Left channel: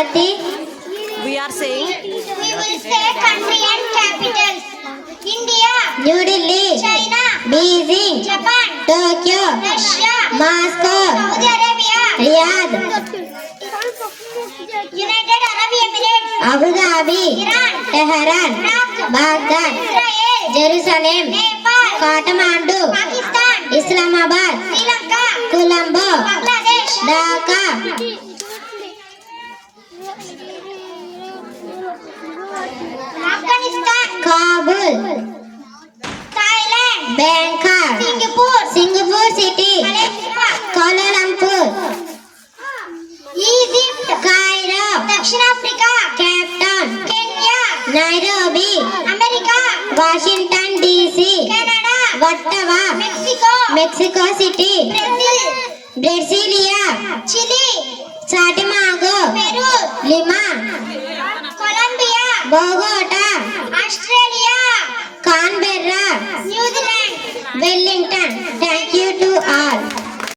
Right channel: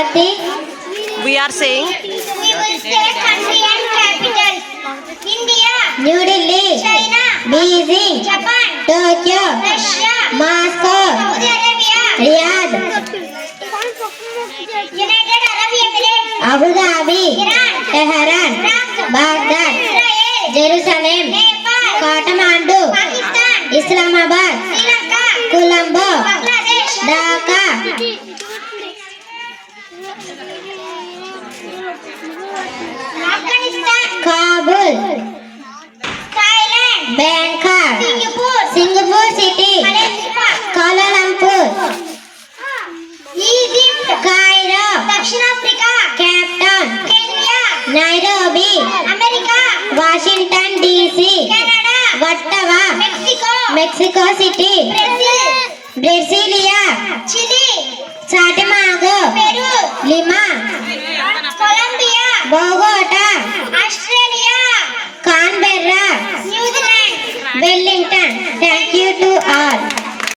Pratik. We are saying We will say country and capital. India, New Delhi. China, Beijing. Japan, Tokyo. Russia, Moscow. Saudi Arabia, Riyadh. United Arab Emirates, Abu Dhabi. Iran. Tehran. Iraq, Baghdad. Israel, Jerusalem. Nepal, Kathmandu. Pakistan, Islamabad. Sri Lanka, Colombo. Bangladesh, Dhaka. Afghanistan, Kabul. Thailand, Bangkok. Singapore City. Malaysia, Kuala Lumpur. Egypt, Cairo. South Africa, Cape Town. Kenya, Nairobi. America, Washington DC. Canada, Ottawa. Mexico, Mexico City. Brazil, Brasilia. Chile, Santiago. Peru, Lima. Colombia, Bogota. Australia, Canberra. New Zealand. Wellington. Thank you to all.